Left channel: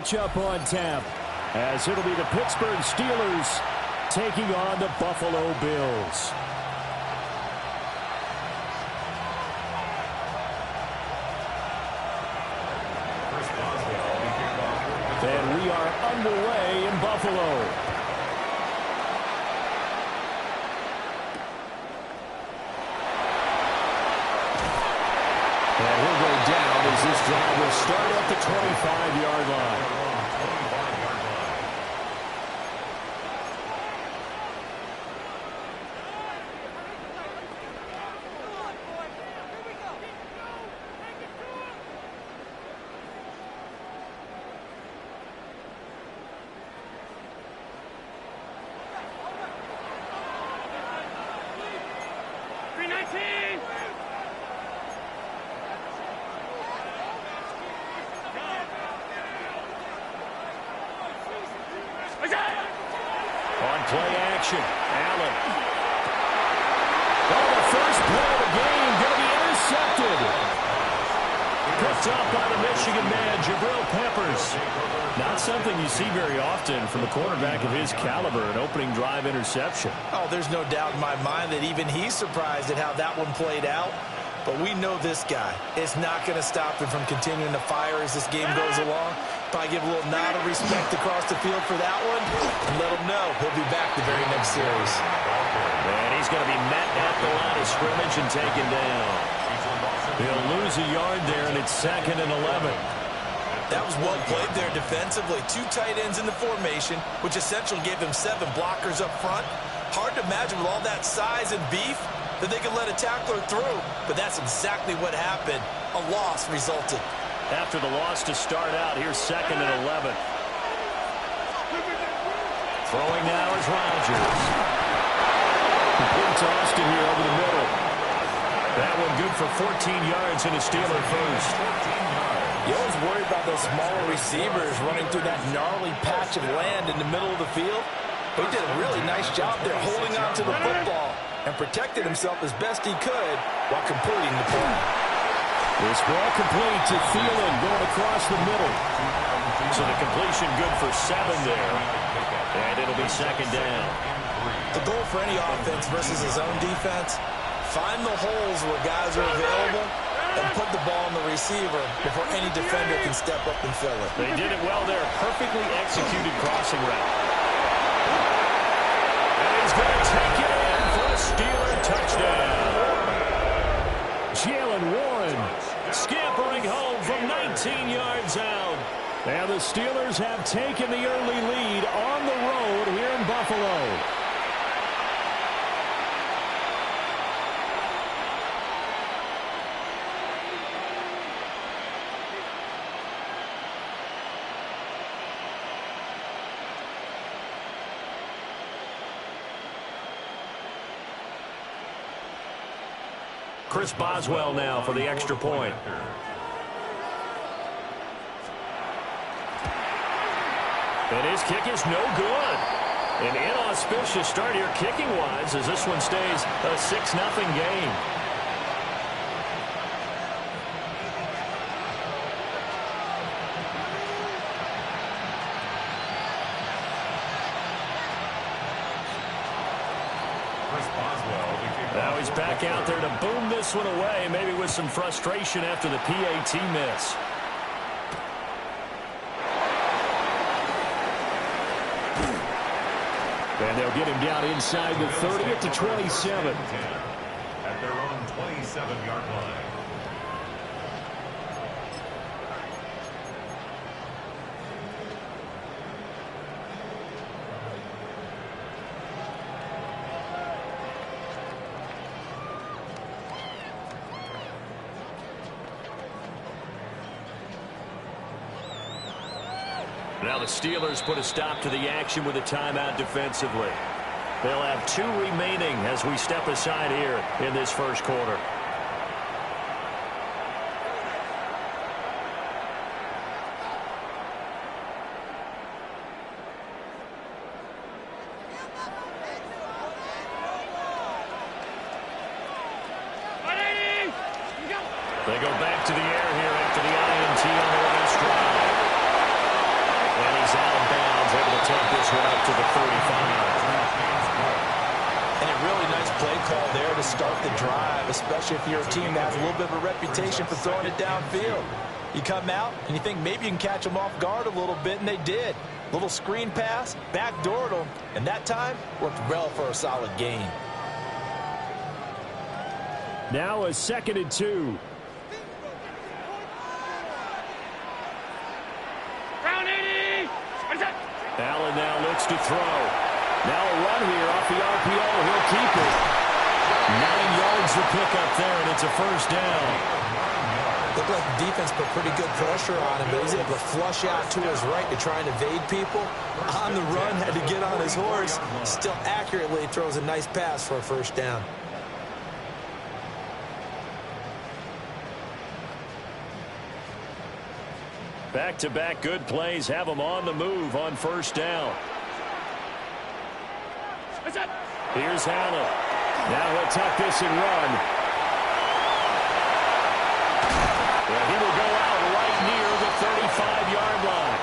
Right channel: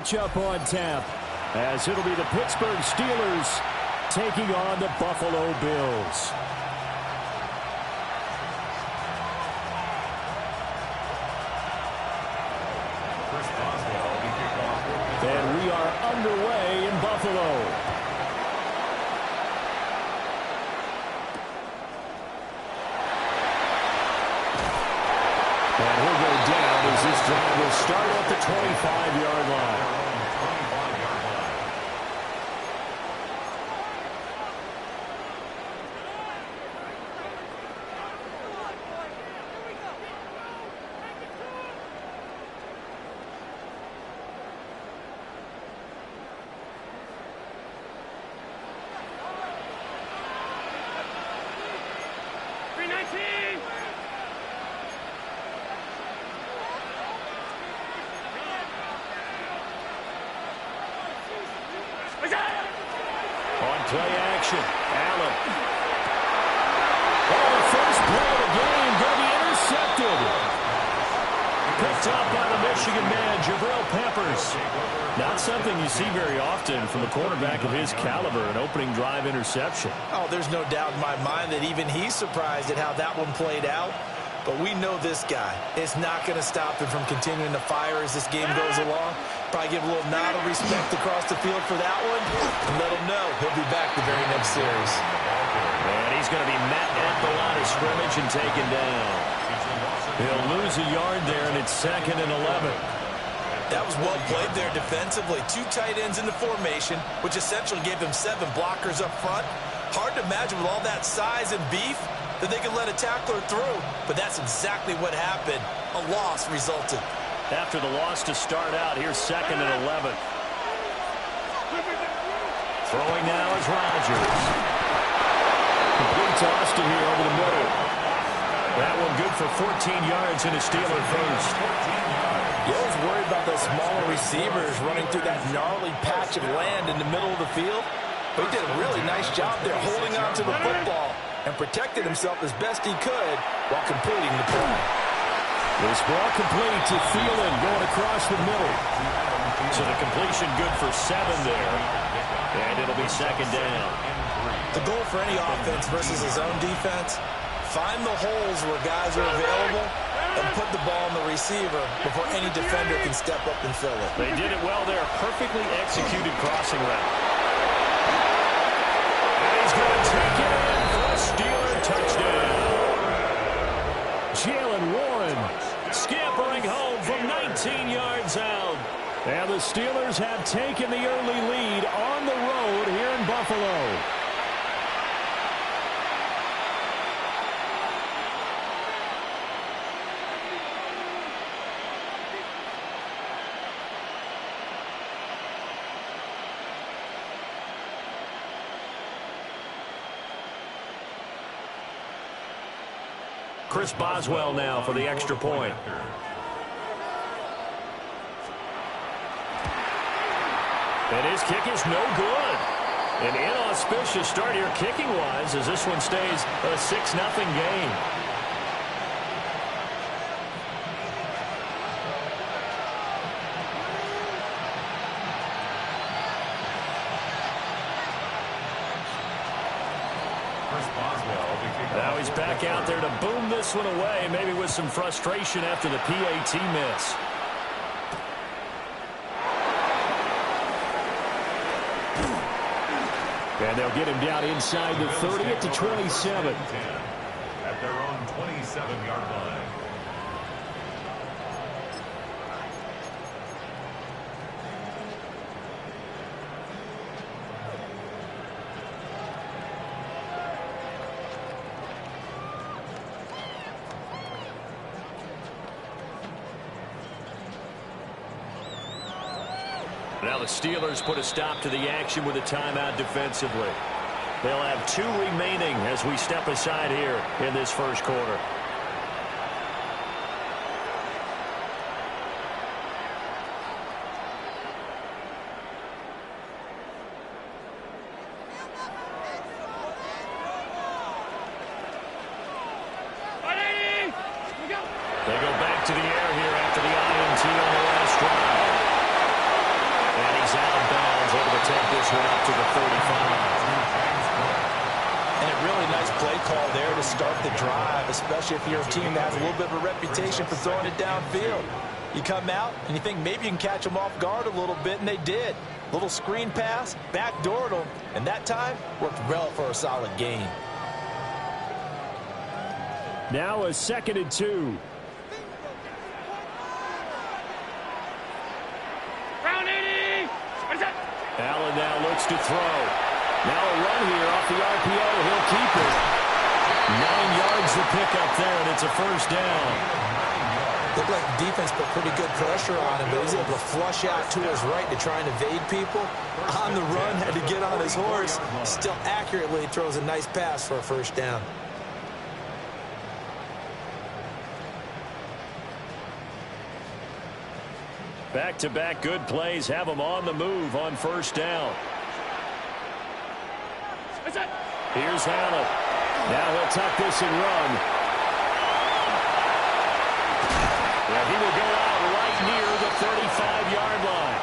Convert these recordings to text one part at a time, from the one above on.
Up on tap, as it'll be the Pittsburgh Steelers taking on the Buffalo Bills. And we are underway in Buffalo. And he'll go down as this drive will start at the 25-yard line. On play action, Allen. Oh, the first play of the game going to be intercepted. Picked up by the Michigan man, Jabril Peppers. Not something you see very often from a quarterback of his caliber, an opening drive interception. Oh, there's no doubt in my mind that even he's surprised at how that one played out. But we know this guy is not going to stop him from continuing to fire as this game goes along. Probably give a little nod of respect across the field for that one and let him know he'll be back the very next series. And he's going to be met at the line of scrimmage and taken down. He'll lose a yard there, and it's 2nd and 11. That was well played there defensively. 2 tight ends in the formation, which essentially gave them 7 blockers up front. Hard to imagine with all that size and beef that they could let a tackler through, but that's exactly what happened. A loss resulted. After the loss to start out, here's 2nd and 11. Throwing now is Rodgers. Complete to Austin here over the middle. That one good for 14 yards and a Steeler first. You always worry about those smaller receivers running through that gnarly patch of land in the middle of the field. But he did a really nice job there holding on to the football and protected himself as best he could while completing the play. This ball complete to Thielen going across the middle. So the completion good for 7 there. And it'll be 2nd down. The goal for any offense versus his own defense, find the holes where guys are available and put the ball on the receiver before any defender can step up and fill it. They did it well there. Perfectly executed crossing route. And he's going to take it in for a Steeler touchdown. Jalen Warren scampering home from 19 yards out. And the Steelers have taken the early lead on the road here in Buffalo. Chris Boswell now for the extra point. And his kick is no good. An inauspicious start here kicking-wise as this one stays a 6-0 game. Now he's back out there to boom this one away, maybe with some frustration after the PAT miss. And they'll get him down inside the 30 at the 27. At their own 27-yard line. Now the Steelers put a stop to the action with a timeout defensively. They'll have 2 remaining as we step aside here in this first quarter. They go back to the air here after the INT on the last drive. is out of bounds, able to take this one up to the 35. And a really nice play call there to start the drive, especially if you're a team that has a little bit of a reputation for throwing it downfield. You come out and you think maybe you can catch them off guard a little bit, and they did. Little screen pass, backdoored them, and that time worked well for a solid gain. Now a 2nd and 2. Allen now looks to throw. Now a run here off the RPO. He'll keep it. 9 yards to pick up there, and it's a first down. Looked like the defense put pretty good pressure on him, but he's able to flush out to his right to try and evade people. On the run, had to get on his horse. Still accurately throws a nice pass for a first down. Back-to-back good plays have him on the move on first down. Here's Allen. Now he'll tuck this and run. Yeah, he will go out right near the 35-yard line.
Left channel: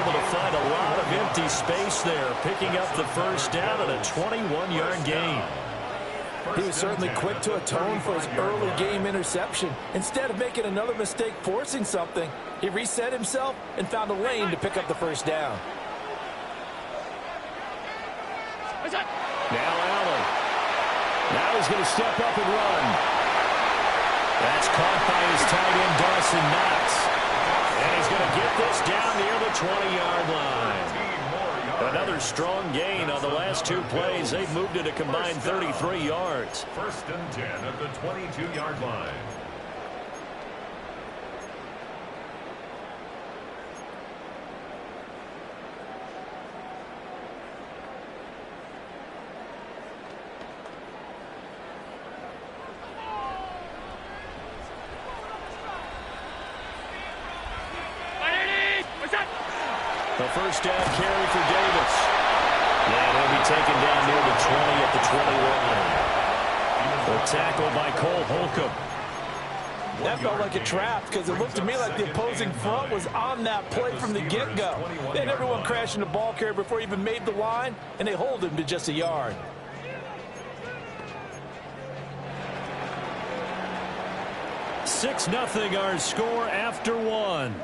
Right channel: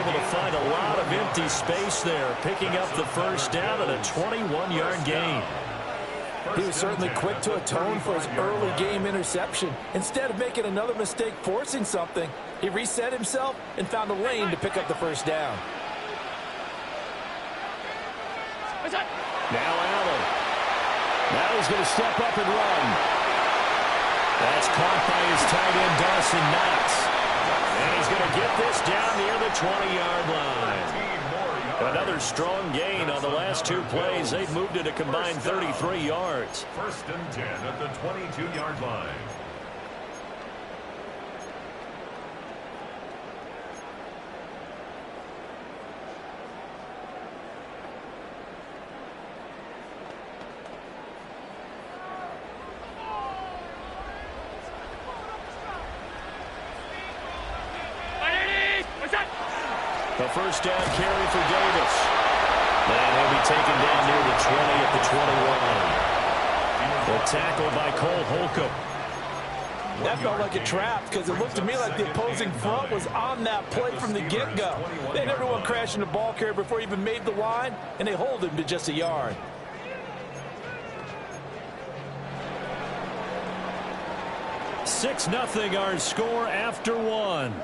Able to find a lot of empty space there, picking up the first down at a 21-yard gain. He was certainly quick to atone for his early game interception. Instead of making another mistake forcing something, he reset himself and found a lane to pick up the first down. Now Allen. Now he's going to step up and run. That's caught by his tight end, Dawson Knox. And he's going to get this down near the 20-yard line. Another strong gain on the last 2 plays. They've moved it a combined 33 yards. 1st and 10 at the 22-yard line. The first down carry for Davis. And he'll be taken down near the 20 at the 21. The tackle by Cole Holcomb. That felt like a trap because it looked to me like the opposing front was on that play from the get-go. They had everyone crashing the ball carrier before he even made the line, and they hold him to just a yard. Six 0 our score after 1.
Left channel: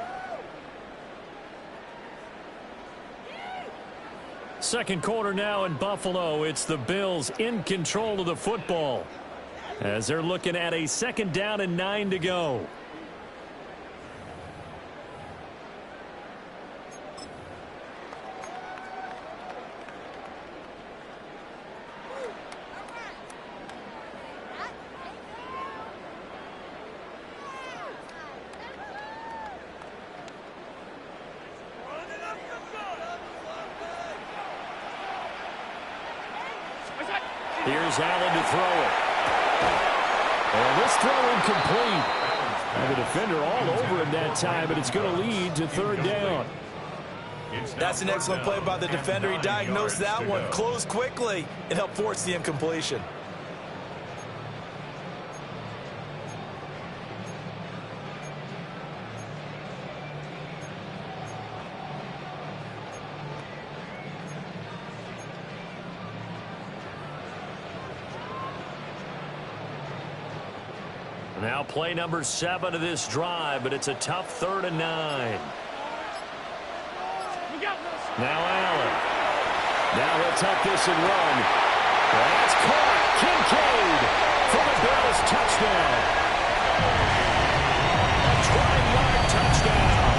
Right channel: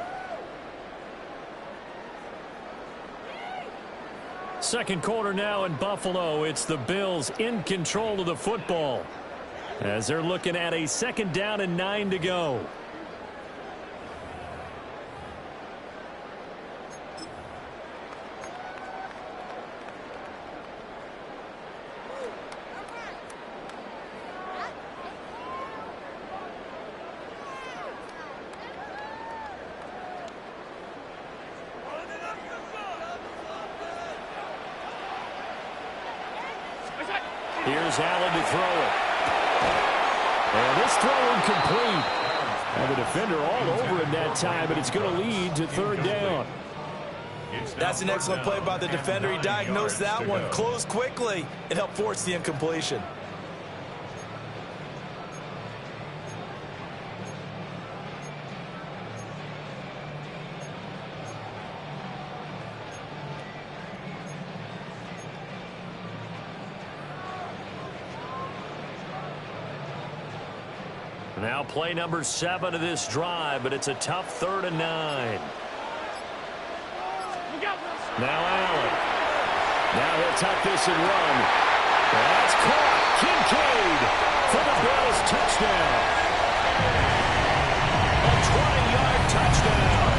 Second quarter now in Buffalo. It's the Bills in control of the football as they're looking at a 2nd down and 9 to go. Here's Allen to throw it. And this throw incomplete. And the defender all over him that time, but it's going to lead to 3rd down. That's an excellent play by the defender. He diagnosed that one, closed quickly, and helped force the incompletion. Now play number 7 of this drive, but it's a tough 3rd and 9. Now Allen. Now he'll tuck this and run. That's caught. Kincaid for the Bills touchdown. A 20-yard touchdown.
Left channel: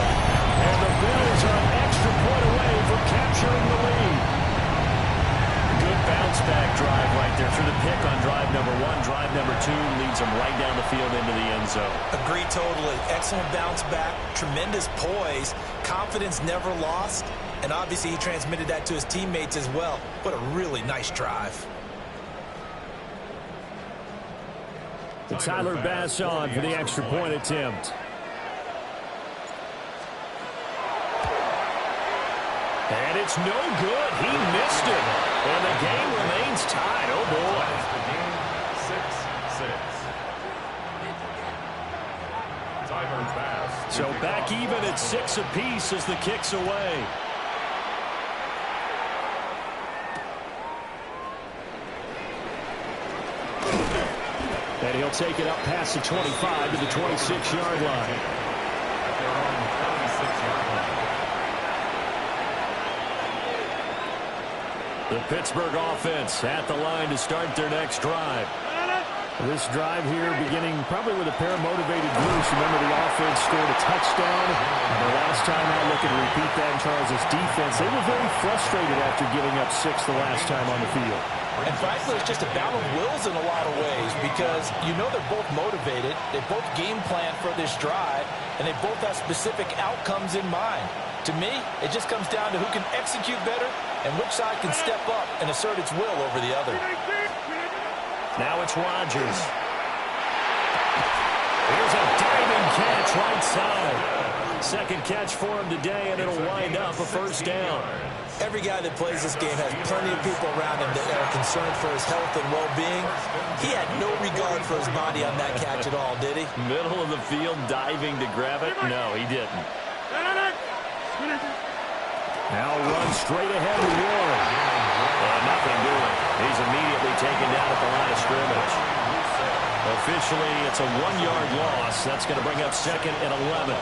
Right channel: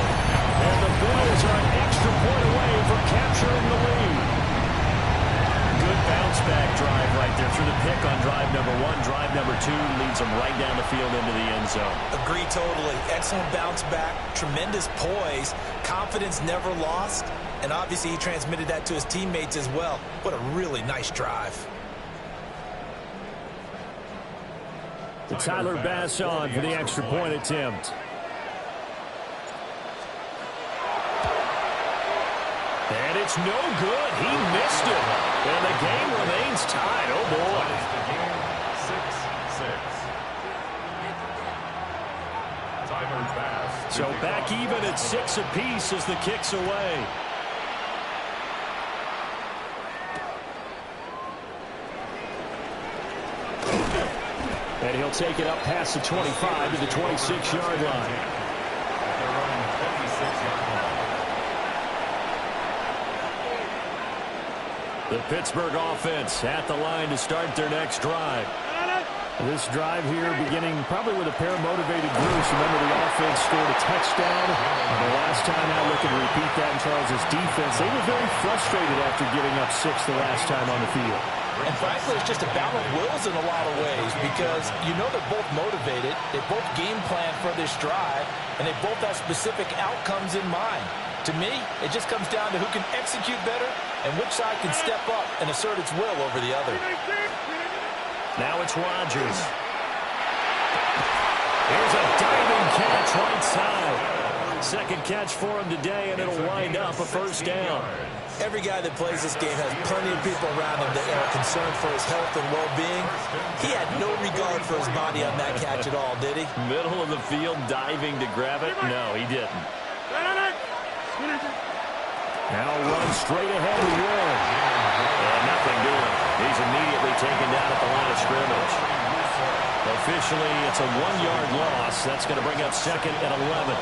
And the Bills are an extra point away from capturing the lead. Good bounce-back drive right there through the pick on drive number 1. Drive number 2 leads them right down the field into the end zone. Agree totally. Excellent bounce back, tremendous poise, confidence never lost, and obviously he transmitted that to his teammates as well. What a really nice drive. Tyler Bass on for the extra point attempt. And it's no good. He missed it. And the game remains tied. Oh, boy. So back even at 6 apiece as the kick's away. And he'll take it up past the 25 to the 26-yard line. At their own 26-yard line. The Pittsburgh offense at the line to start their next drive. This drive here beginning probably with a pair of motivated groups. Remember, the offense scored a touchdown. The last time out, looking to repeat that in Charles' defense. They were very frustrated after giving up 6 the last time on the field. And frankly, it's just a battle of wills in a lot of ways because you know they're both motivated. They both game plan for this drive, and they both have specific outcomes in mind. To me, it just comes down to who can execute better and which side can step up and assert its will over the other. Now it's Rodgers. Here's a diving catch right side. Second catch for him today, and it'll wind up a first down. Every guy that plays this game has plenty of people around him that are concerned for his health and well-being. He had no regard for his body on that catch at all, did he? Middle of the field, diving to grab it? No, he didn't. Now run straight ahead to Warren. And nothing doing. He's immediately taken down at the line of scrimmage. Officially, it's a 1-yard loss. That's going to bring up second and 11.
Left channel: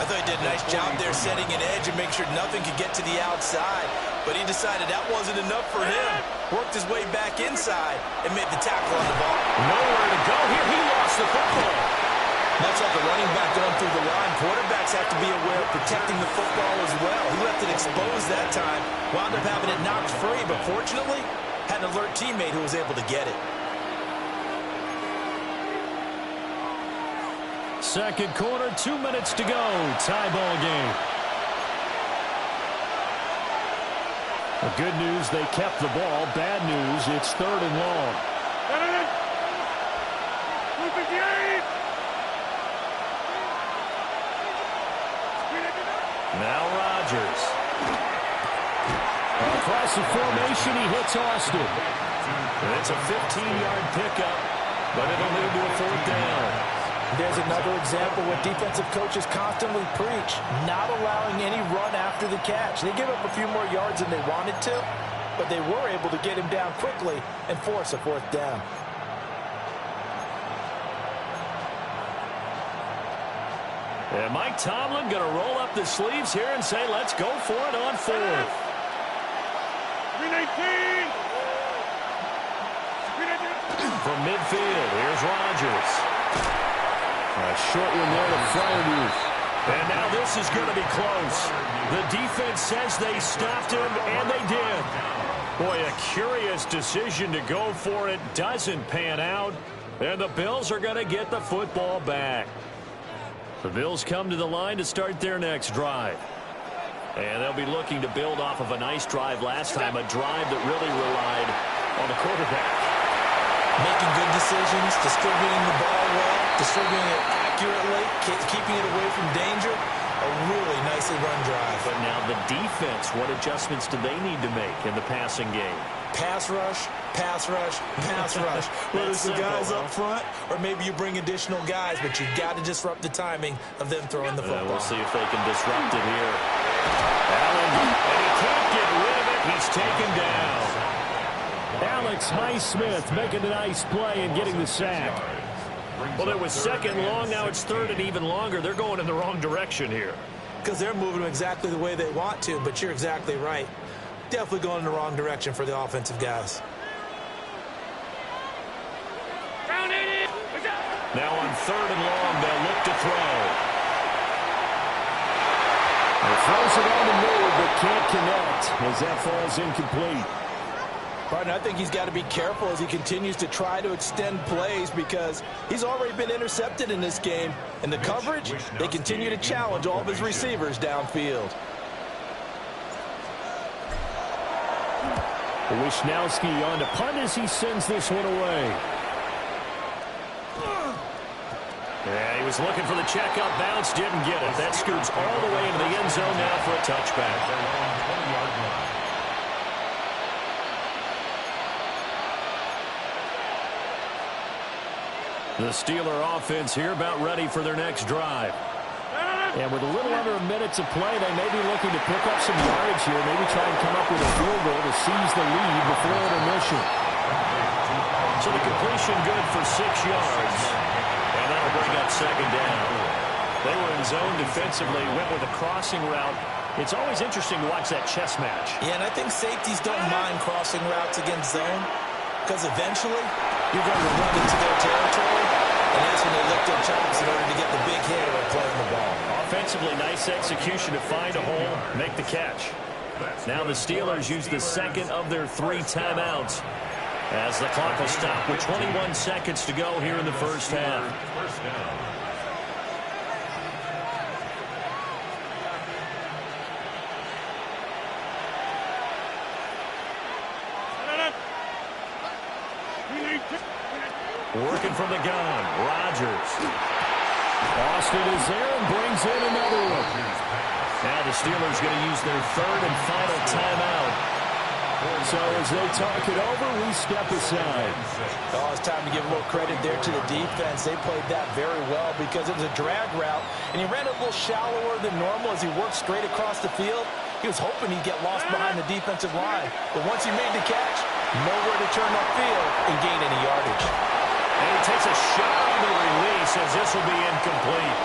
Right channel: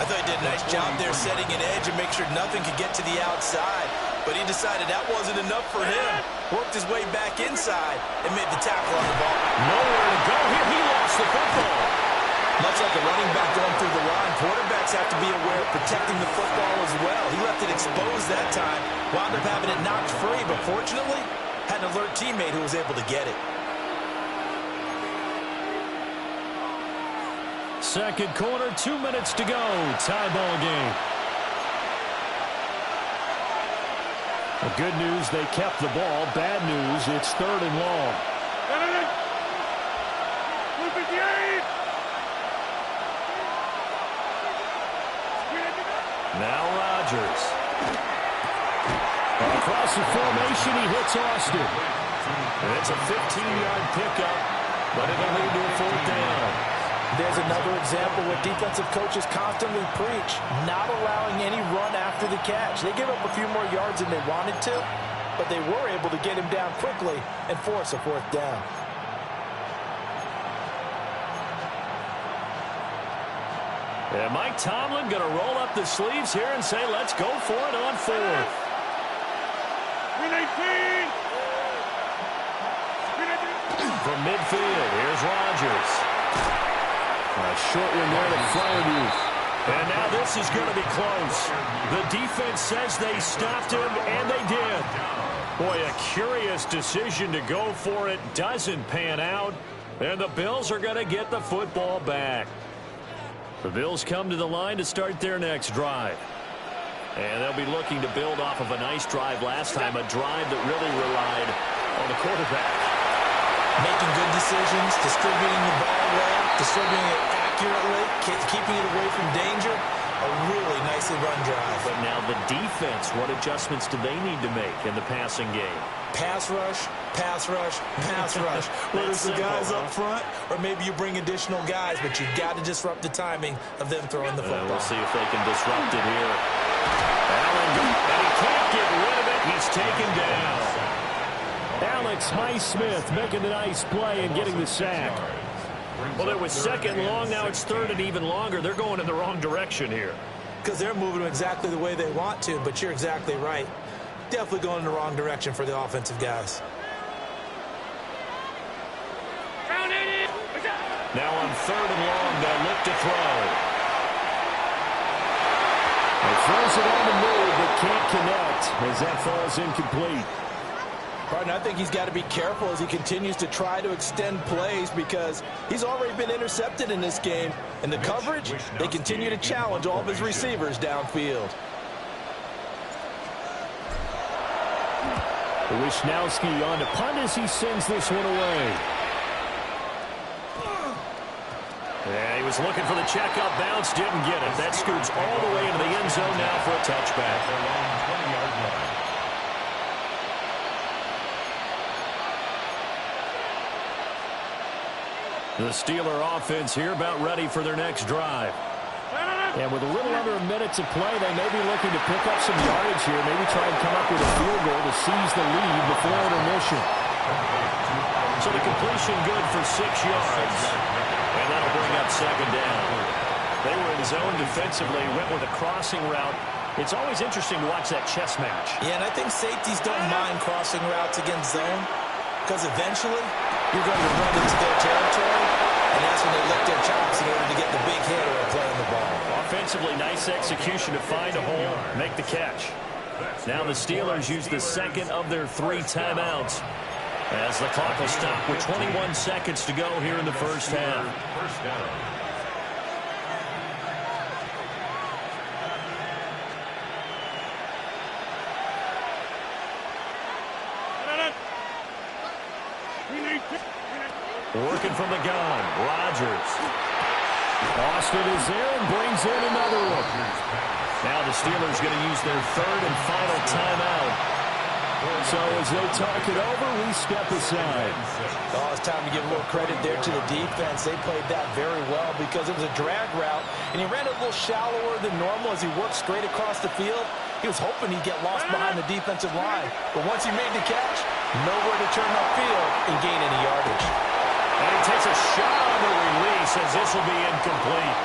I thought he did a nice job there setting an edge and make sure nothing could get to the outside. But he decided that wasn't enough for him. Worked his way back inside and made the tackle on the ball. Nowhere to go here. He lost the football. Much like a running back going through the line, quarterbacks have to be aware of protecting the football as well. He left it exposed that time, wound up having it knocked free, but fortunately, had an alert teammate who was able to get it. Second quarter, 2 minutes to go. Tie ball game. The good news, they kept the ball. Bad news, it's third and long. Now Rodgers. Across the formation, he hits Austin. It's a 15-yard pickup, but it'll lead to a fourth down. There's another example what defensive coaches constantly preach, not allowing any run after the catch. They gave up a few more yards than they wanted to, but they were able to get him down quickly and force a fourth down. And Mike Tomlin going to roll up the sleeves here and say, let's go for it on fourth. From midfield, here's Rodgers. A short one there to Freiermuth. And now this is going to be close. The defense says they stopped him, and they did. Boy, a curious decision to go for it. Doesn't pan out. And the Bills are going to get the football back. The Bills come to the line to start their next drive. And they'll be looking to build off of a nice drive last time, a drive that really relied on the quarterback. Making good decisions, distributing the ball well, distributing it accurately, keeping it away from danger. A really nicely run drive. But now the defense, what adjustments do they need to make in the passing game? Pass rush, pass rush, pass rush. Whether it's the guys up front or maybe you bring additional guys, but you've got to disrupt the timing of them throwing the football. We'll see if they can disrupt it here. Allen, and he can't get rid of it. He's taken down. Alex Highsmith making a nice play and getting the sack. Well, it was second long. Now it's third and even longer. They're going in the wrong direction here. Because they're moving exactly the way they want to, but you're exactly right. Definitely going in the wrong direction for the offensive guys. Now on third and long, they'll look to throw. He throws it on the move, but can't connect as that falls incomplete. Pardon, I think he's got to be careful as he continues to try to extend plays because he's already been intercepted in this game. And the coverage, they continue to challenge all of his receivers downfield. Wisnowski on to punt as he sends this one away. Yeah, he was looking for the checkup bounce, didn't get it. That scoots all the way into the end zone now for a touchback. Their own 20-yard line. The Steeler offense here about ready for their next drive. And with a little under a minute to play, they may be looking to pick up some yardage here, maybe try and come up with a field goal to seize the lead before intermission. So the completion good for 6 yards, and that'll bring up second down. They were in zone defensively, went with a crossing route. It's always interesting to watch that chess match. Yeah, and I think safeties don't mind crossing routes against zone because eventually you're going to run into their territory, and that's when they lick their chops in order to get the big hit or play on the ball. Offensively, nice execution to find a hole, make the catch. Now the Steelers use the second of their 3 timeouts as the clock will stop with 21 seconds to go here in the first half. First down. Working from the gun, Rodgers. Austin is there and brings in another one. Now the Steelers going to use their 3rd and final timeout. So as they talk it over, we step aside. Oh, it's time to give a little credit there to the defense. They played that very well because it was a drag route, and he ran a little shallower than normal as he worked straight across the field. He was hoping he'd get lost behind the defensive line. But once he made the catch, nowhere to turn upfield and gain any yardage. And he takes a shot on the release as this will be incomplete.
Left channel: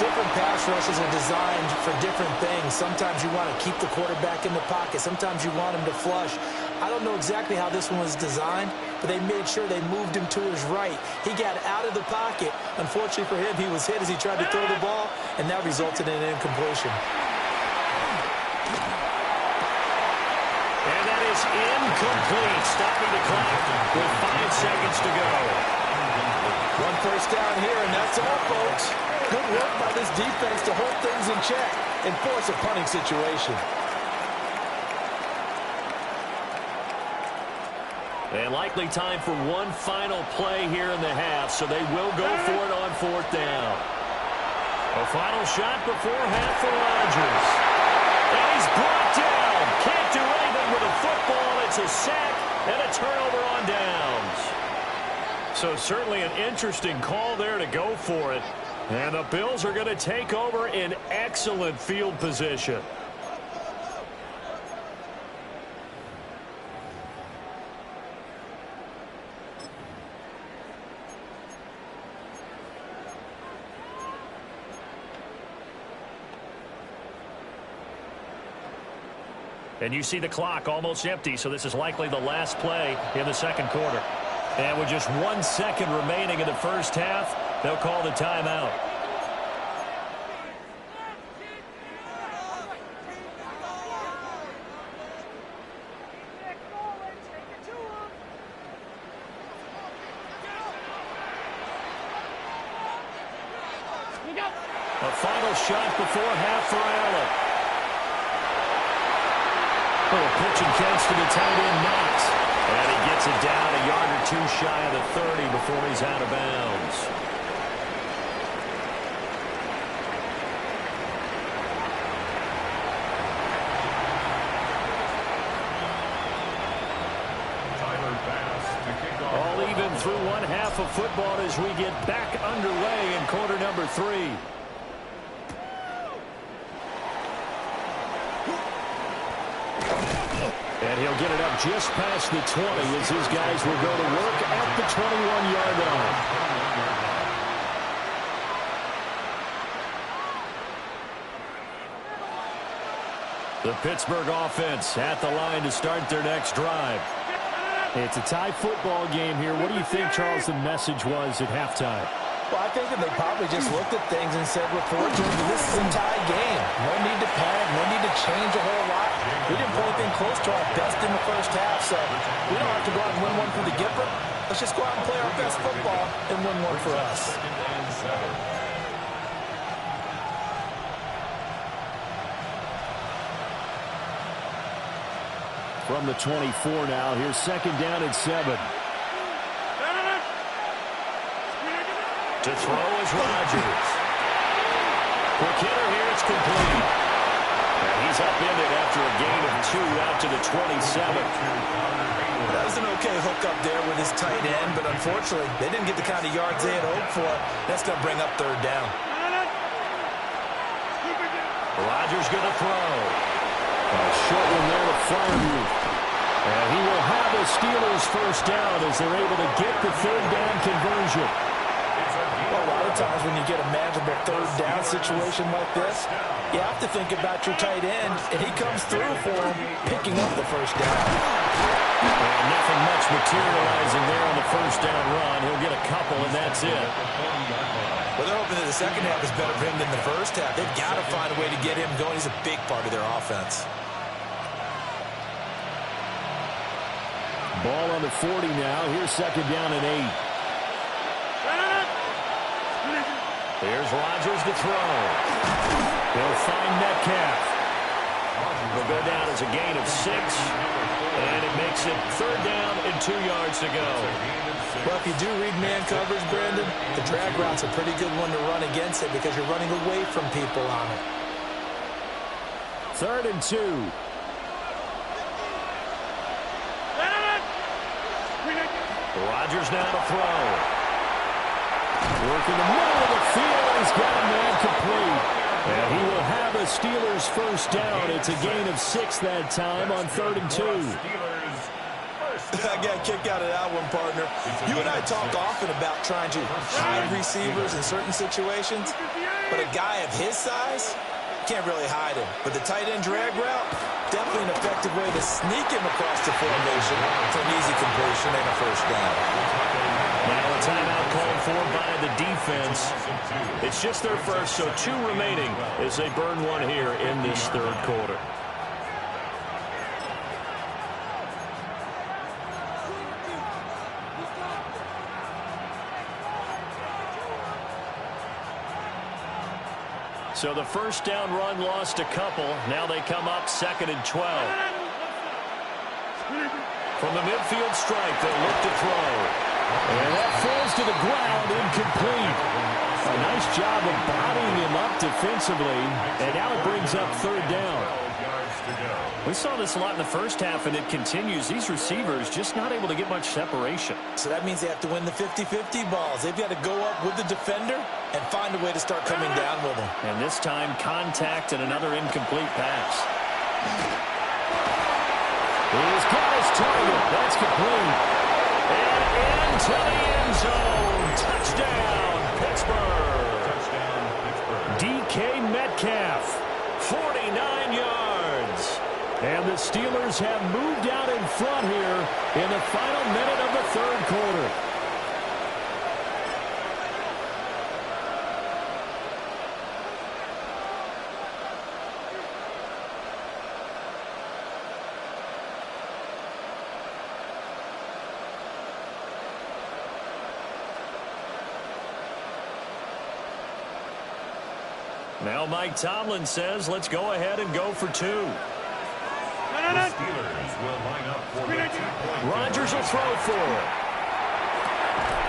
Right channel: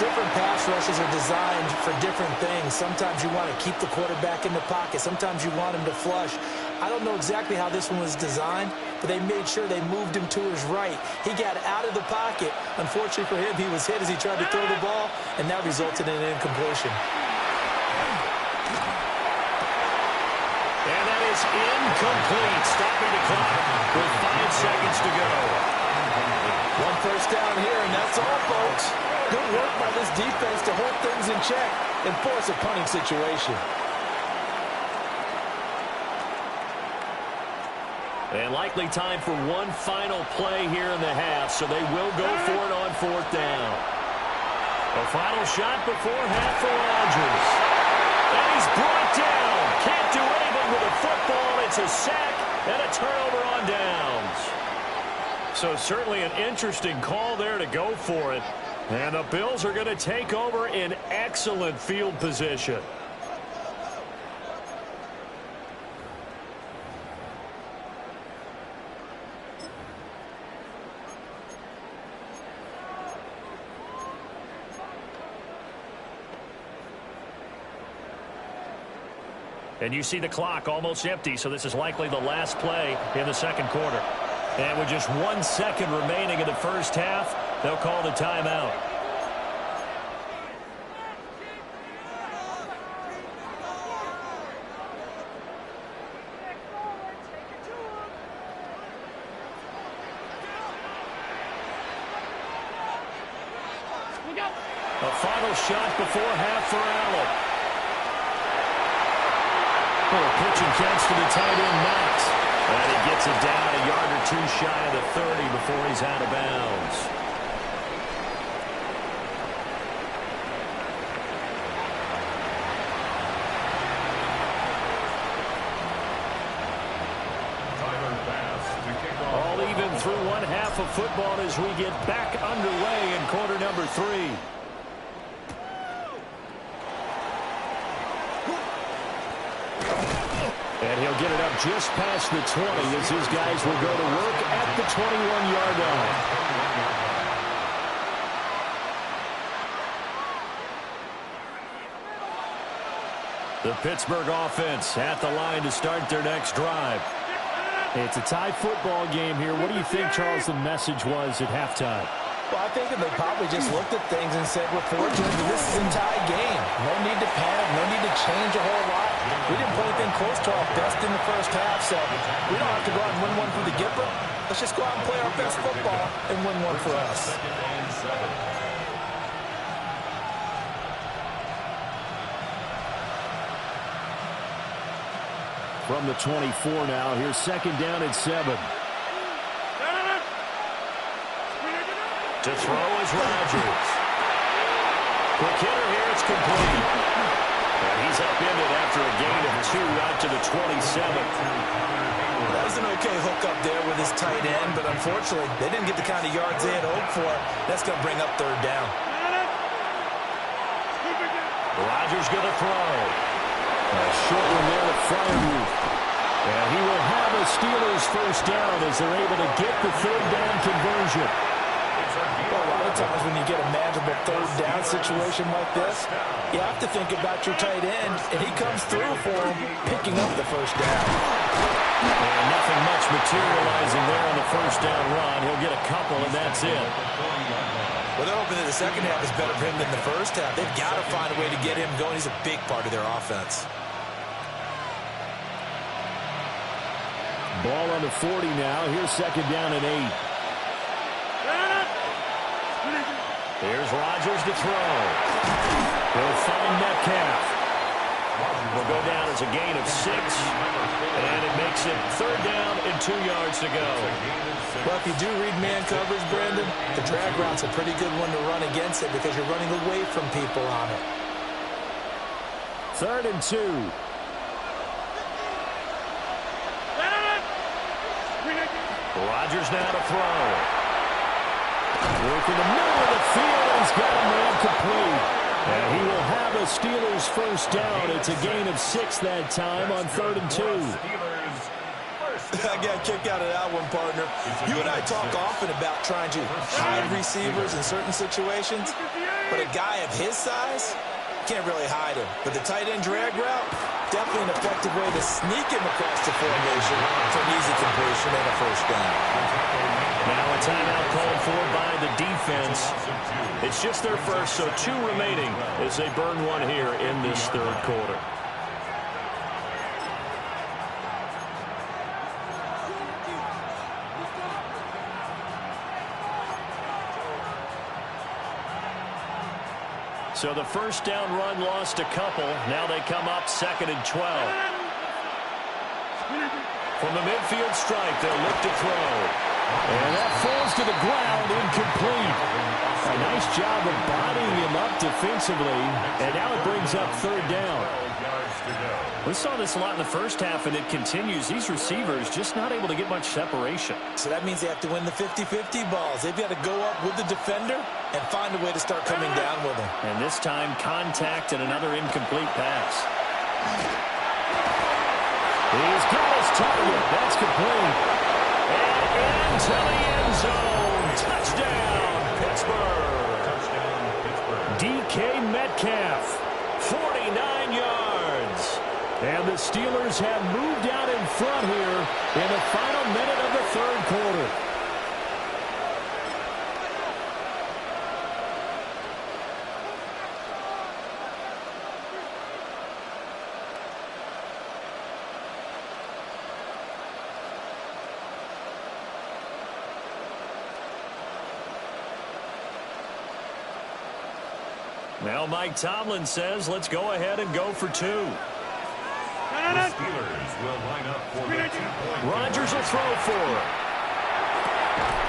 Different pass rushes are designed for different things. Sometimes you want to keep the quarterback in the pocket. Sometimes you want him to flush. I don't know exactly how this one was designed, but they made sure they moved him to his right. He got out of the pocket. Unfortunately for him, he was hit as he tried to throw the ball, and that resulted in an incompletion. And that is incomplete, stopping the clock with 5 seconds to go. 1 first down here, and that's all, folks. Good work by this defense to hold things in check and force a punting situation. And likely time for one final play here in the half, so they will go for it on 4th down. A final shot before half for Rodgers. And he's brought down. Can't do anything with a football. It's a sack and a turnover on downs. So certainly an interesting call there to go for it. And the Bills are going to take over in excellent field position. And you see the clock almost empty, so this is likely the last play in the second quarter. And with just 1 second remaining in the first half, they'll call the timeout. A final shot before half for Allen. Little pitch and catch to the tight end, Knox. And he gets it down a yard or 2 shy of the 30 before he's out of bounds. All even through 1 half of football as we get back underway in quarter number 3. And he'll get it up just past the 20 as his guys will go to work at the 21-yard line. The Pittsburgh offense at the line to start their next drive. It's a tie football game here. What do you think, Charles, the message was at halftime? Well, I think that they probably just looked at things and said, we're fortunate that this is a tie game. No need to panic, no need to change a whole lot. We didn't play anything close to our best in the first half, so we don't have to go out and win one for the Gipper. Let's just go out and play our best football and win one for us. From the 24 now, here's second down and 7. To throw is Rodgers. Quick hitter here, it's complete. And he's upended after a gain of 2 out to the 27. That was an okay hookup there with his tight end, but unfortunately, they didn't get the kind of yards they had hoped for. That's going to bring up third down. Rodgers going to throw. A short one there to Freiermuth. And he will have a Steelers first down as they're able to get the third down conversion. Well, a lot of times when you get a manageable third down situation like this, you have to think about your tight end, and he comes through for him, picking up the first down. And nothing much materializing there on the first down run. He'll get a couple, and that's it. Well, they're hoping that the second half is better for him than the first half. They've got to find a way to get him going. He's a big part of their offense. Ball on the 40 now. Here's second down and 8. Here's Rodgers to throw. He'll find Metcalf. Will go down as a gain of 6. And it makes it third down and 2 yards to go. Well, if you do read man coverage, Brandon, the drag route's a pretty good one to run against it because you're running away from people on it. 3rd and 2. Rodgers now to throw. Working the middle of the field, and he's got a man complete. And he will have a Steelers first down. It's a gain of 6 that time on 3rd and 2. I got a kick out of that one, partner. You and I talk often about trying to hide receivers in certain situations, but a guy of his size can't really hide him. But the tight end drag route, definitely an effective way to sneak him across the formation for an easy completion and a first down. Now a timeout called for by the defense. It's just their first, so 2 remaining as they burn one here in this third quarter. So the first down run lost a couple. Now they come up 2nd and 12. From the midfield stripe, they'll look to throw. And that falls to the ground, incomplete. A nice job of bodying him up defensively. And now it brings up third down. We saw this a lot in the first half, and it continues. These receivers just not able to get much separation. So that means they have to win the 50-50 balls. They've got to go up with the defender and find a way to start coming down with him. And this time, contact and another incomplete pass. He's got his target. That's complete. And into the end zone. Touchdown, Pittsburgh. Touchdown, Pittsburgh. DK Metcalf, 49 yards. And the Steelers have moved out in front here in the final minute of the third quarter. Now Mike Tomlin says, let's go ahead and go for 2. The Steelers will line up for the 2-point. Rodgers will throw for it.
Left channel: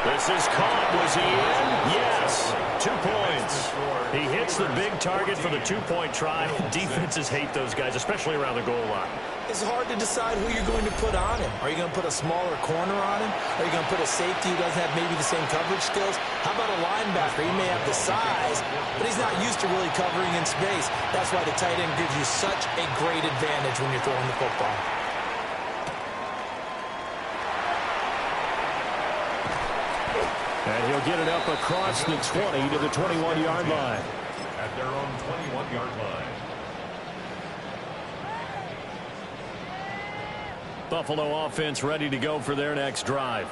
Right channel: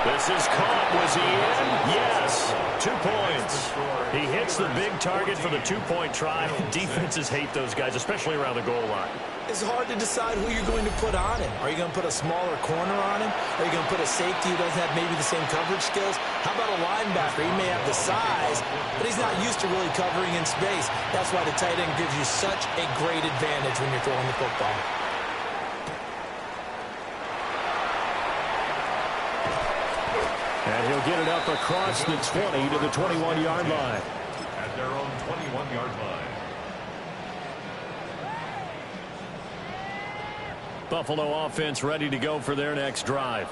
This is caught. Was he in? Yes. 2 points. He hits the big target for the 2-point try. Defenses hate those guys, especially around the goal line. It's hard to decide who you're going to put on him. Are you going to put a smaller corner on him? Are you going to put a safety who doesn't have maybe the same coverage skills? How about a linebacker? He may have the size, but he's not used to really covering in space. That's why the tight end gives you such a great advantage when you're throwing the football. And he'll get it up across the 20 to the 21-yard line. At their own 21-yard line. Buffalo offense ready to go for their next drive.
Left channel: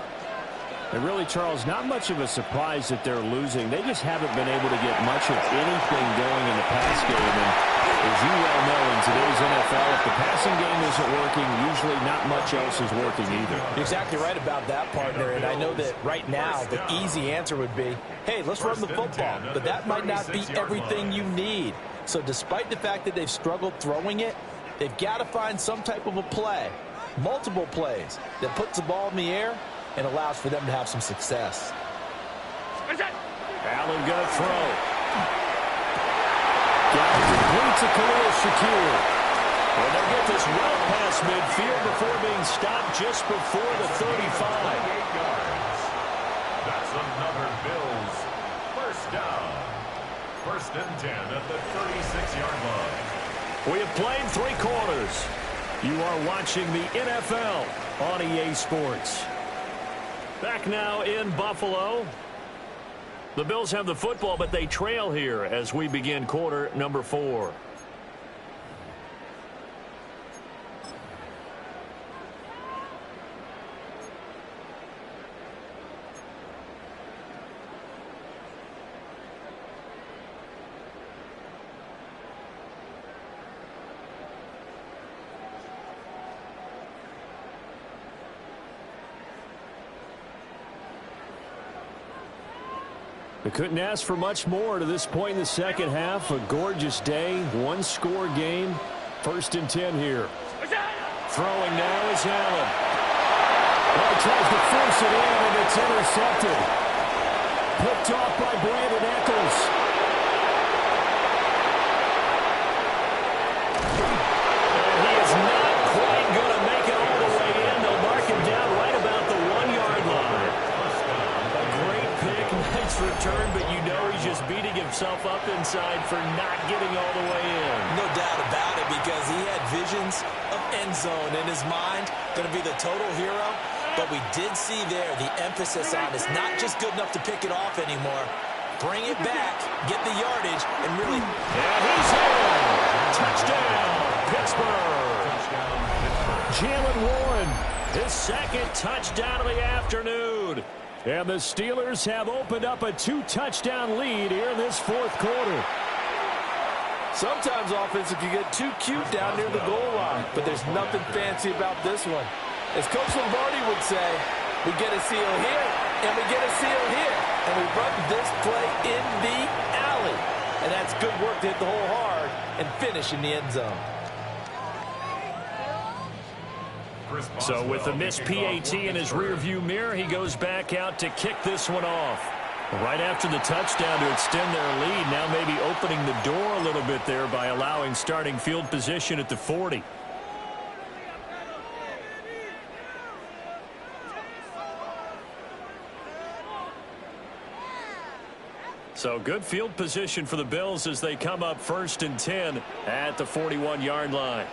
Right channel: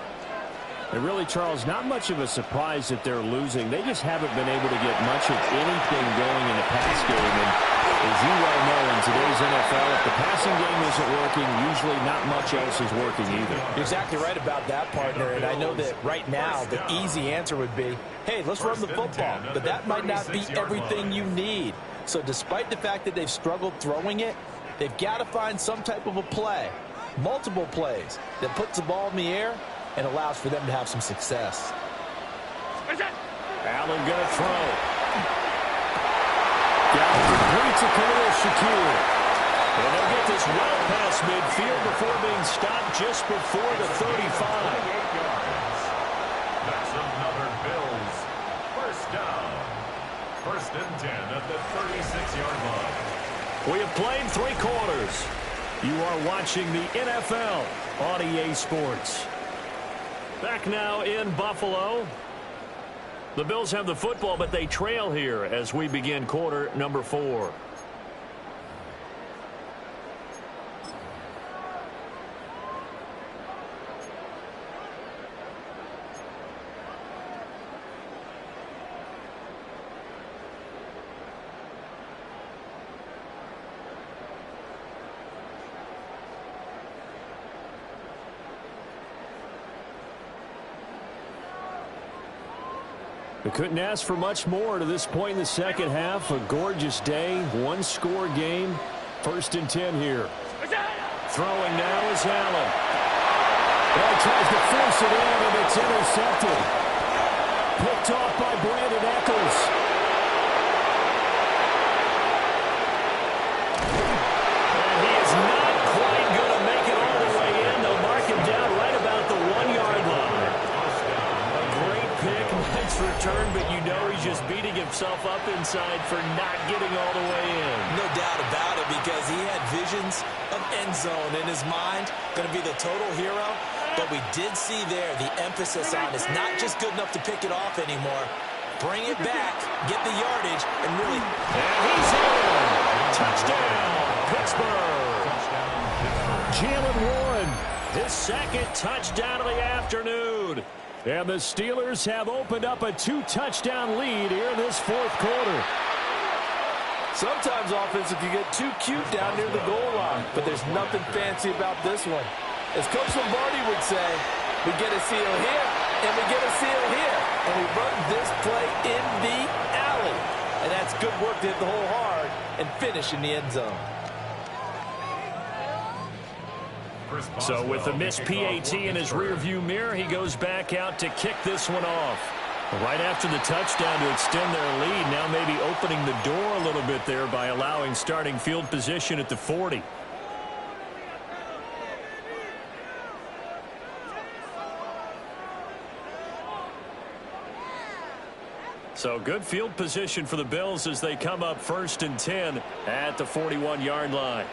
And really, Charles, not much of a surprise that they're losing. They just haven't been able to get much of anything going in the pass game. And as you well know, in today's NFL, if the passing game isn't working, usually not much else is working either. You're exactly right about that, partner. And I know that right now the easy answer would be, hey, let's run the football. But that might not be everything you need. So despite the fact that they've struggled throwing it, they've got to find some type of a play, multiple plays, that puts the ball in the air and allows for them to have some success. Allen going to throw. Gallup completes to Khalil Shakir. And they'll get this well past midfield before being stopped just before the 35. 28 yards. That's another Bills first down. First and 10 at the 36-yard line. We have played 3 quarters. You are watching the NFL on EA Sports. Back now in Buffalo. The Bills have the football, but they trail here as we begin quarter number 4. They couldn't ask for much more to this point in the second half. A gorgeous day, 1-score game. First and 10 here. Throwing now is Allen. Well, he tries to force it in, and it's intercepted. Picked off by Brandon Echols. And he is not quite going to make it all the way in. They'll mark him down right about the 1-yard line. Nice return, but you know he's just beating himself up inside for not getting all the way in. No doubt about it, because he had visions of end zone in his mind. Going to be the total hero. But we did see there the emphasis on it's not just good enough to pick it off anymore. Bring it back, get the yardage, and really... And he's in. Touchdown, Pittsburgh. Touchdown, Pittsburgh. Jalen Warren, his second touchdown of the afternoon. And the Steelers have opened up a 2-touchdown lead here in this fourth quarter. Sometimes offenses can get too cute down near the goal line, but there's nothing fancy about this one. As Coach Lombardi would say, we get a seal here, and we get a seal here, and we run this play in the alley. And that's good work to hit the hole hard and finish in the end zone. So with the missed PAT in his rearview mirror, he goes back out to kick this one off. Right after the touchdown to extend their lead, now maybe opening the door a little bit there by allowing starting field position at the 40. So good field position for the Bills as they come up first and 10 at the 41-yard line.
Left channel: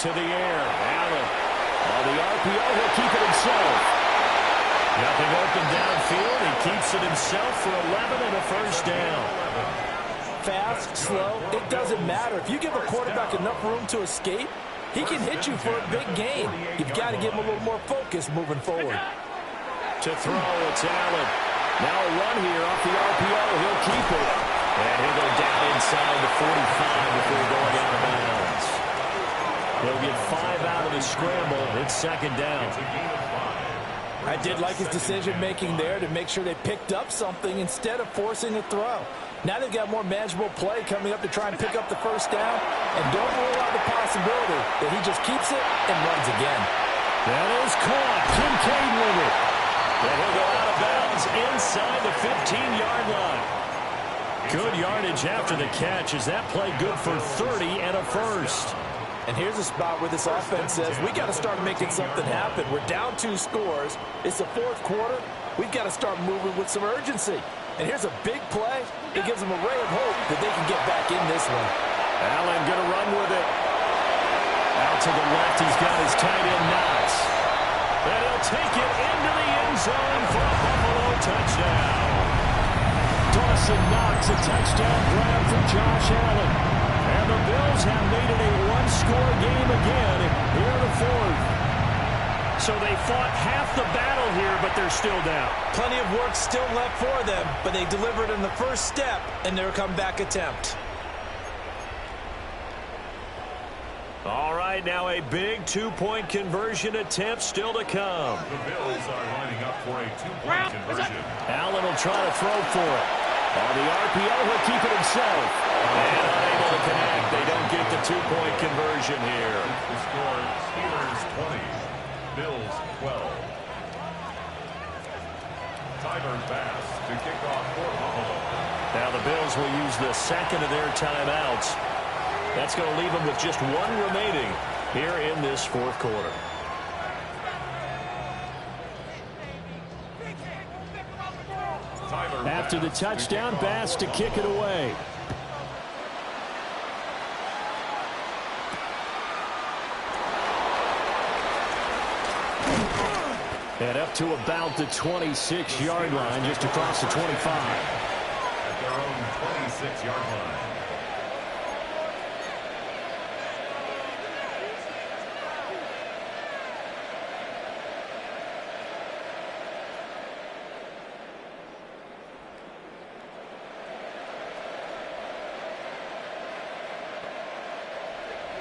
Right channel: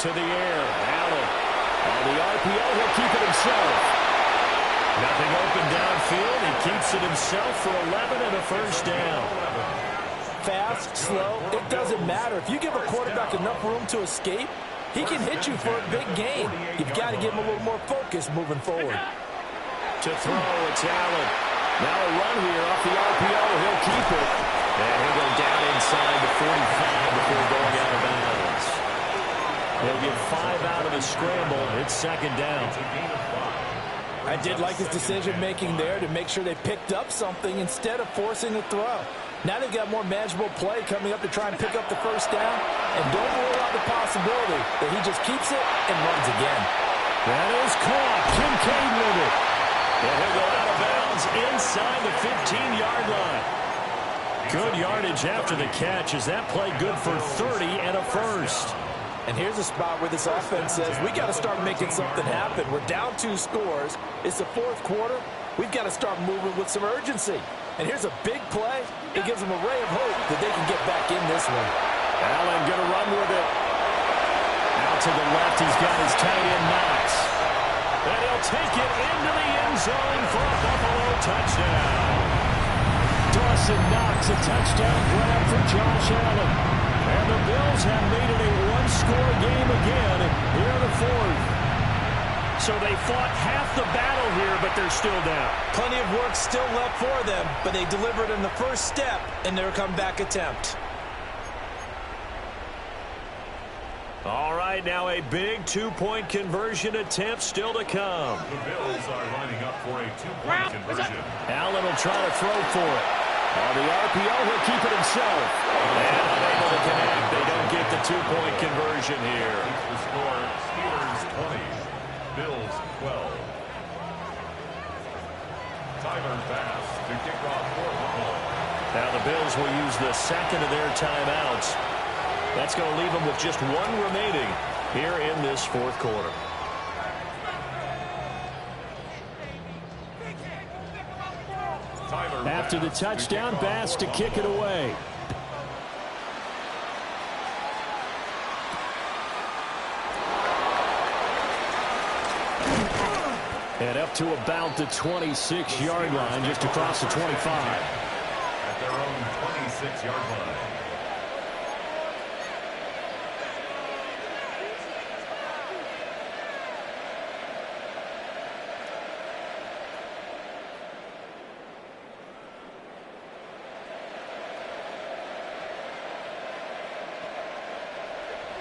To the air, Allen. On the RPO, he'll keep it himself. Nothing open downfield. He keeps it himself for 11 and a first down. Fast, slow, it doesn't matter. If you give a quarterback enough room to escape, he can hit you for a big gain. You've got to give him a little more focus moving forward. To throw, it's Allen. Now a run here off the RPO. He'll keep it. And he'll go down inside the 45 before going out of bounds. He'll get 5 out of the scramble. It's second down. I did like his decision-making there to make sure they picked up something instead of forcing a throw. Now they've got more manageable play coming up to try and pick up the first down. And don't rule out the possibility that he just keeps it and runs again. That is caught. Kincaid with it. And he'll go out of bounds inside the 15-yard line. Good yardage after the catch. Is that play good for 30 and a first? And here's a spot where this offense says, we got to start making something happen. We're down 2 scores. It's the fourth quarter. We've got to start moving with some urgency. And here's a big play that gives them a ray of hope that they can get back in this one. Allen going to run with it. Out to the left, he's got his tight end Knox. And he'll take it into the end zone for a Buffalo touchdown. Dawson Knox, a touchdown grab for Josh Allen. And the Bills have made it a 1-score game again here in the fourth. So they fought half the battle here, but they're still down. Plenty of work still left for them, but they delivered in the first step in their comeback attempt. All right, now a big 2-point conversion attempt still to come. The Bills are lining up for a 2-point conversion. Allen will try to throw for it. On the RPO, he'll keep it himself. And unable to connect. They don't get the 2-point conversion here. The score, Steelers 20, Bills 12. Tyler Bass to kick off for Buffalo. Now the Bills will use the second of their timeouts. That's going to leave them with just one remaining here in this fourth quarter. After the touchdown, Bass to kick it away. And up to about the 26-yard line, just across the 25. At their own 26-yard line.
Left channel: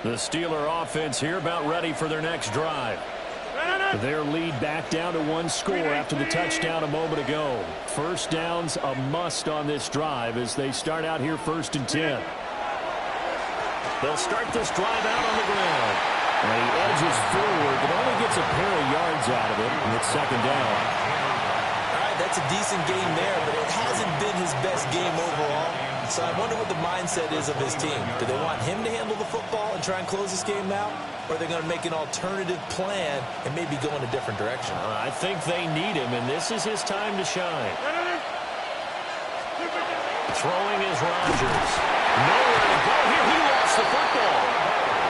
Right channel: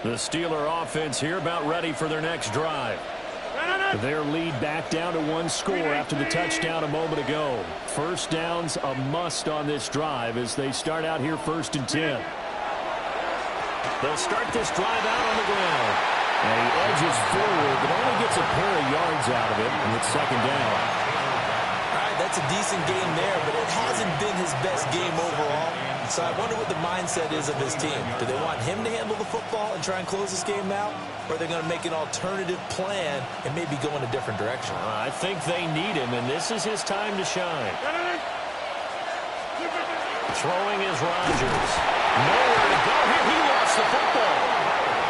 The Steeler offense here about ready for their next drive. Their lead back down to one score after the touchdown a moment ago. First down's a must on this drive as they start out here 1st and 10. They'll start this drive out on the ground. And he edges forward, but only gets a pair of yards out of it, and it's 2nd down. All right, that's a decent game there, but it hasn't been his best game overall. So I wonder what the mindset is of his team. Do they want him to handle the football and try and close this game out? Or are they going to make an alternative plan and maybe go in a different direction? I think they need him, and this is his time to shine. Throwing is Rodgers. Nowhere to go here. He lost the football.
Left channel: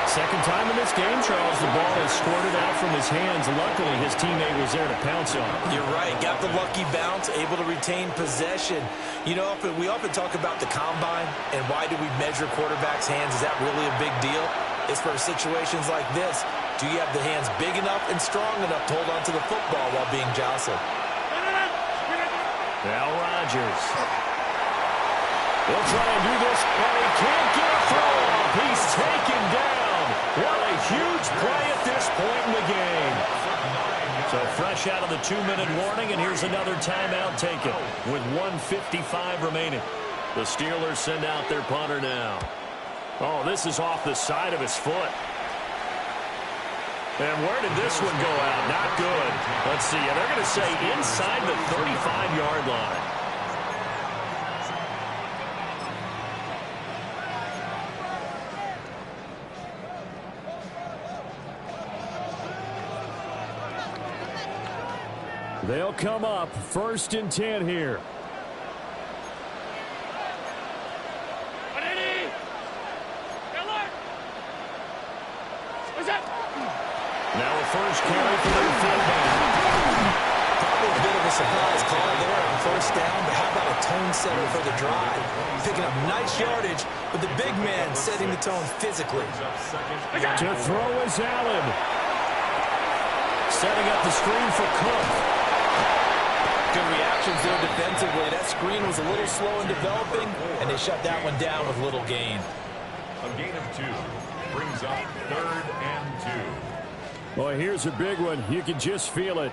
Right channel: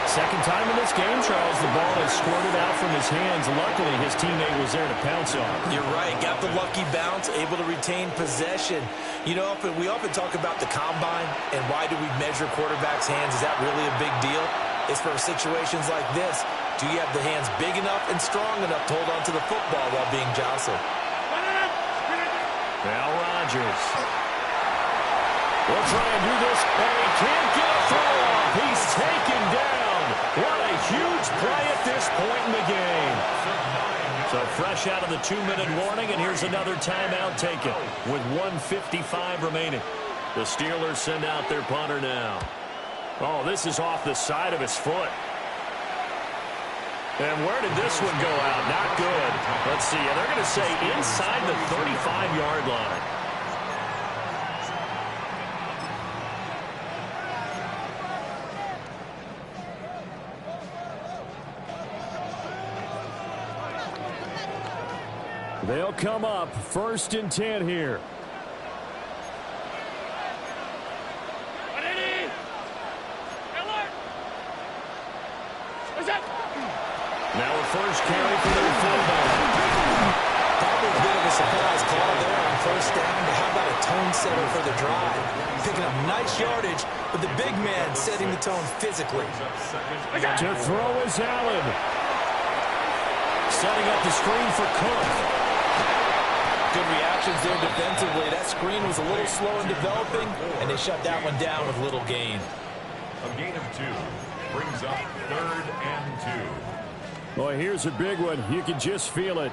Second time in this game, Charles, the ball has squirted out from his hands. Luckily, his teammate was there to pounce on him. You're right. Got the lucky bounce, able to retain possession. You know, we often talk about the combine and why do we measure quarterbacks' hands. Is that really a big deal? It's for situations like this. Do you have the hands big enough and strong enough to hold on to the football while being jostled? Now Rodgers. He'll try and do this, and he can't get a throw off. He's taken down. What a huge play at this point in the game. So fresh out of the 2-minute warning, and here's another timeout taken with 1:55 remaining. The Steelers send out their punter now. Oh, this is off the side of his foot. And where did this one go out? Not good. Let's see. They're going to say inside the 35-yard line. They'll come up 1st and 10 here. Now a first carry for their fullback. Probably a bit of a surprise call there on 1st down, but how about a tone setter for the drive? Picking up nice yardage, but the big man setting the tone physically. To throw is Allen. Setting up the screen for Cook. Good reactions there defensively. That screen was a little slow in developing, and they shut that one down with little gain. A gain of 2 brings up 3rd and 2. Boy, here's a big one. You can just feel it.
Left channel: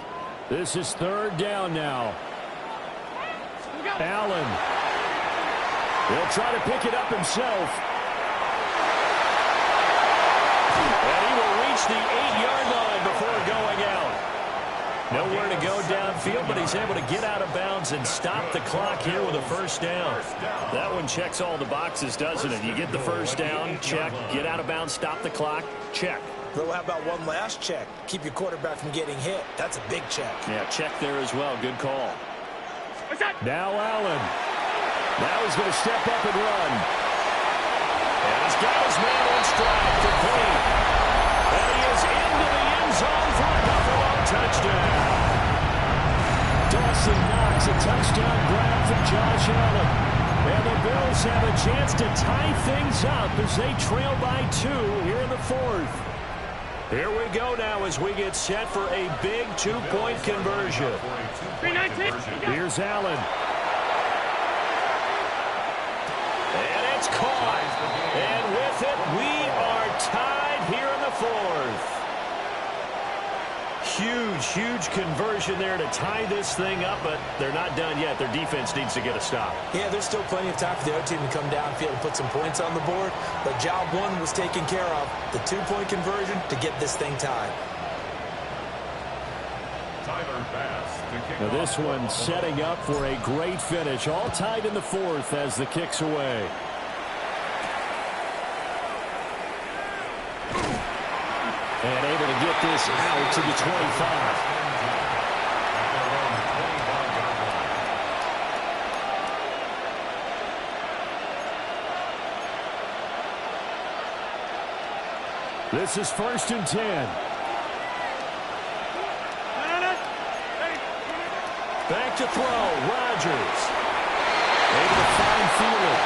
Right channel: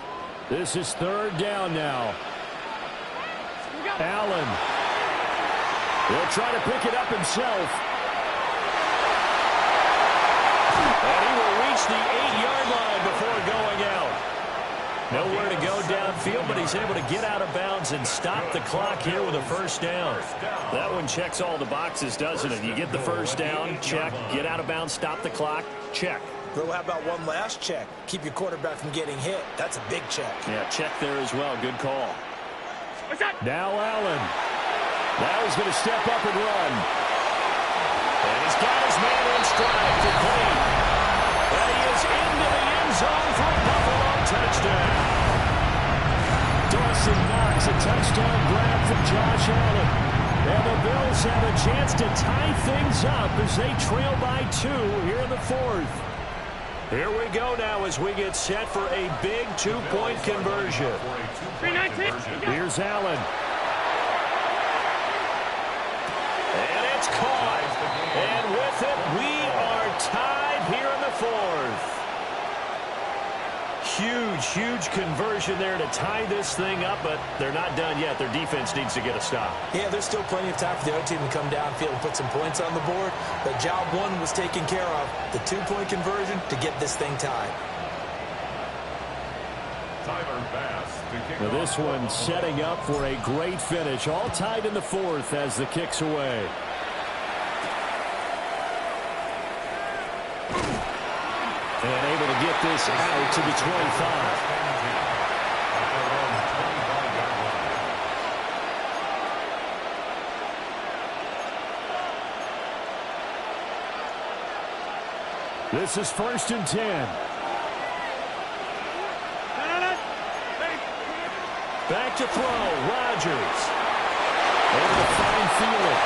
This is 3rd down now. Allen. He'll try to pick it up himself. And he will reach the 8-yard line before going out. Nowhere to go downfield, but he's able to get out of bounds and stop the clock here with a 1st down. That one checks all the boxes, doesn't it? You get the 1st down, check. Get out of bounds, stop the clock, check. Though, how about one last check? Keep your quarterback from getting hit. That's a big check. Yeah, check there as well. Good call. Now Allen. Now he's going to step up and run. And he's got his man on stride, complete. And he is into the end zone for a Buffalo touchdown. Dawson Knox, a touchdown grab from Josh Allen. And the Bills have a chance to tie things up as they trail by 2 here in the 4th. Here we go now as we get set for a big 2-point conversion. Here's Allen. And it's caught. And with it, we are tied here in the 4th. Huge, huge conversion there to tie this thing up, but they're not done yet. Their defense needs to get a stop. Yeah, there's still plenty of time for the other team to come downfield and put some points on the board, but job 1 was taken care of. The 2-point conversion to get this thing tied. Tyler Bass to kick Now off. this one setting up for a great finish. All tied in the fourth as the kick's away. And able to get this out to the 25. At their own 25-yard line. This is 1st and 10. Back to throw. Rodgers. Able to find Thielen.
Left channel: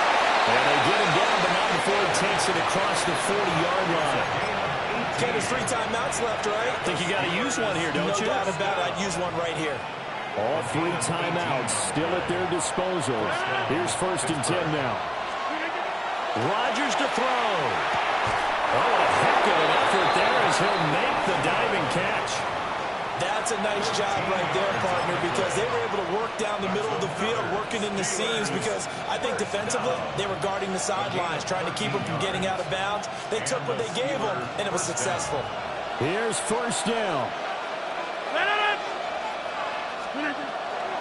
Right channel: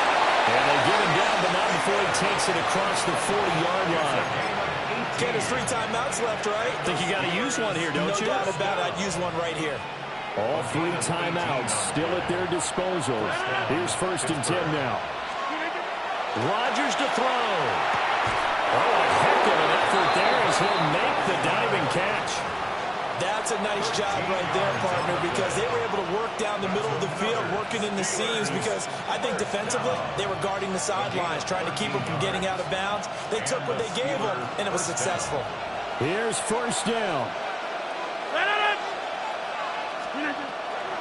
And they get him down, but not before he takes it across the 40-yard line. Ken, there's 3 timeouts left, right? I think you got to use one here, don't you? No doubt about it. I'd use one right here. All 3 timeouts still at their disposal. Here's 1st and 10 now. Rodgers to throw. Oh, a heck of an effort there as he'll make the diving catch. That's a nice job right there, partner, because they were able to work down the middle of the field, working in the seams, because I think defensively they were guarding the sidelines, trying to keep them from getting out of bounds. They took what they gave them, and it was successful. Here's 1st down.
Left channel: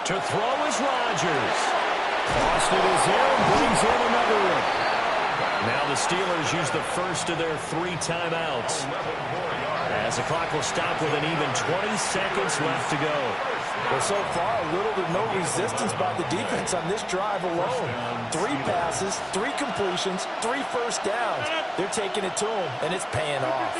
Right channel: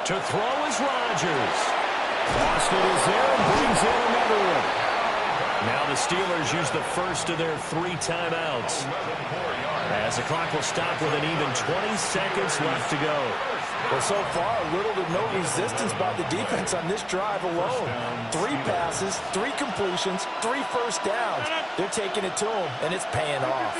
To throw is Rodgers. Boston is there and brings in another one. Now the Steelers use the first of their 3 timeouts. As the clock will stop with an even 20 seconds left to go. Well, so far, little to no resistance by the defense on this drive alone. 3 passes, 3 completions, 3 first downs. They're taking it to them, and it's paying off.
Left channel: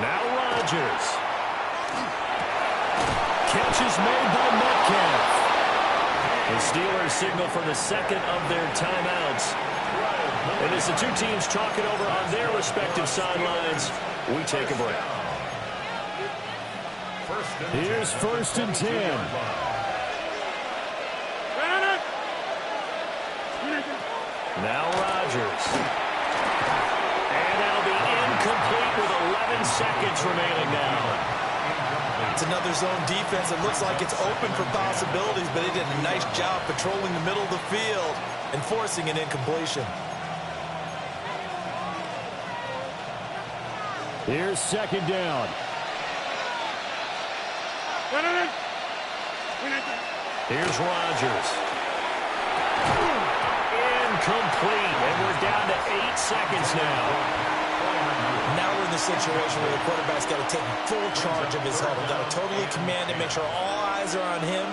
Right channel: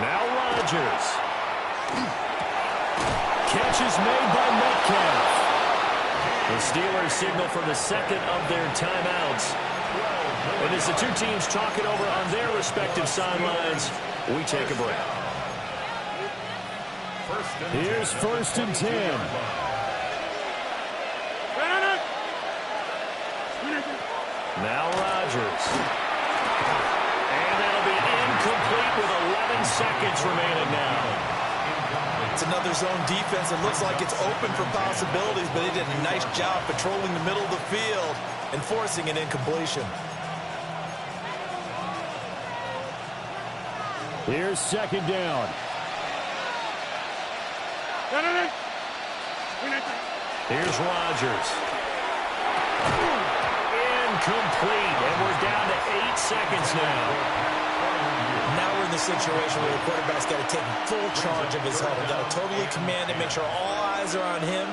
Now Rodgers. Catch is made by Metcalf. The Steelers signal for the second of their timeouts. And as the 2 teams talk it over on their respective sidelines, we take a break. Here's 1st and 10. Now Rodgers. And that'll be incomplete with 11 seconds remaining now. It's another zone defense. It looks like it's open for possibilities, but they did a nice job patrolling the middle of the field and forcing an incompletion. Here's 2nd down. Here's Rodgers. Incomplete, and we're down to 8 seconds now. Now we're in the situation where the quarterback's got to take full charge of his huddle. Got to totally command it, make sure all eyes are on him.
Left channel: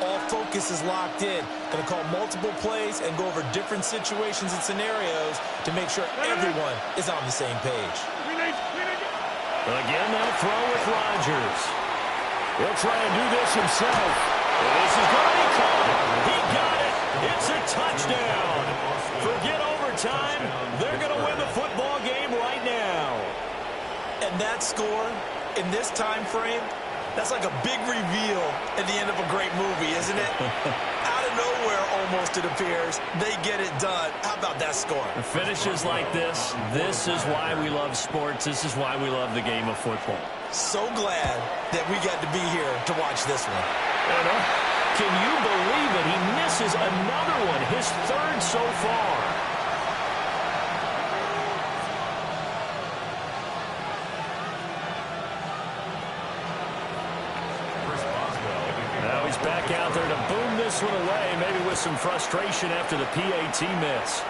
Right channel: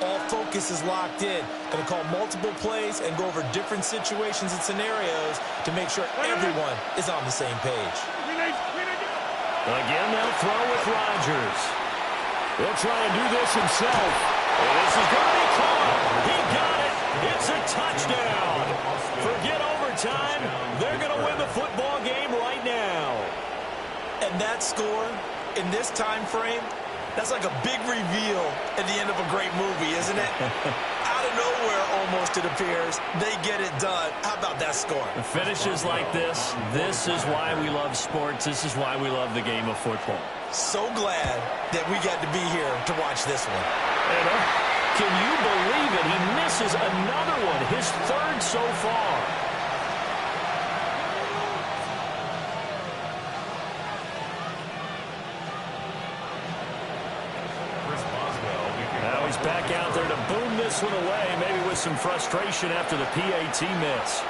All focus is locked in. Going to call multiple plays and go over different situations and scenarios to make sure everyone is on the same page. Again, they'll throw with Rodgers. He'll try and do this himself. This is going to be caught. He got it. It's a touchdown. Forget overtime. They're going to win the football game right now. And that score in this time frame, that's like a big reveal at the end of a great movie, isn't it? Out of nowhere, almost, it appears, they get it done. How about that score? Finishes like this is why we love sports. This is why we love the game of football. So glad that we got to be here to watch this one. And, can you believe it? He misses another one, his 3rd so far. Now he's back out there to boom this one away, maybe with some frustration after the PAT miss.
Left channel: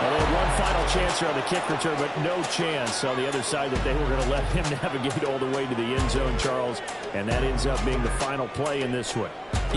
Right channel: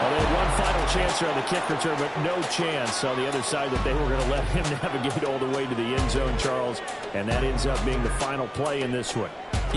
Well, they had one final chance here on the kick return, but no chance on the other side that they were going to let him navigate all the way to the end zone, Charles. And that ends up being the final play in this one.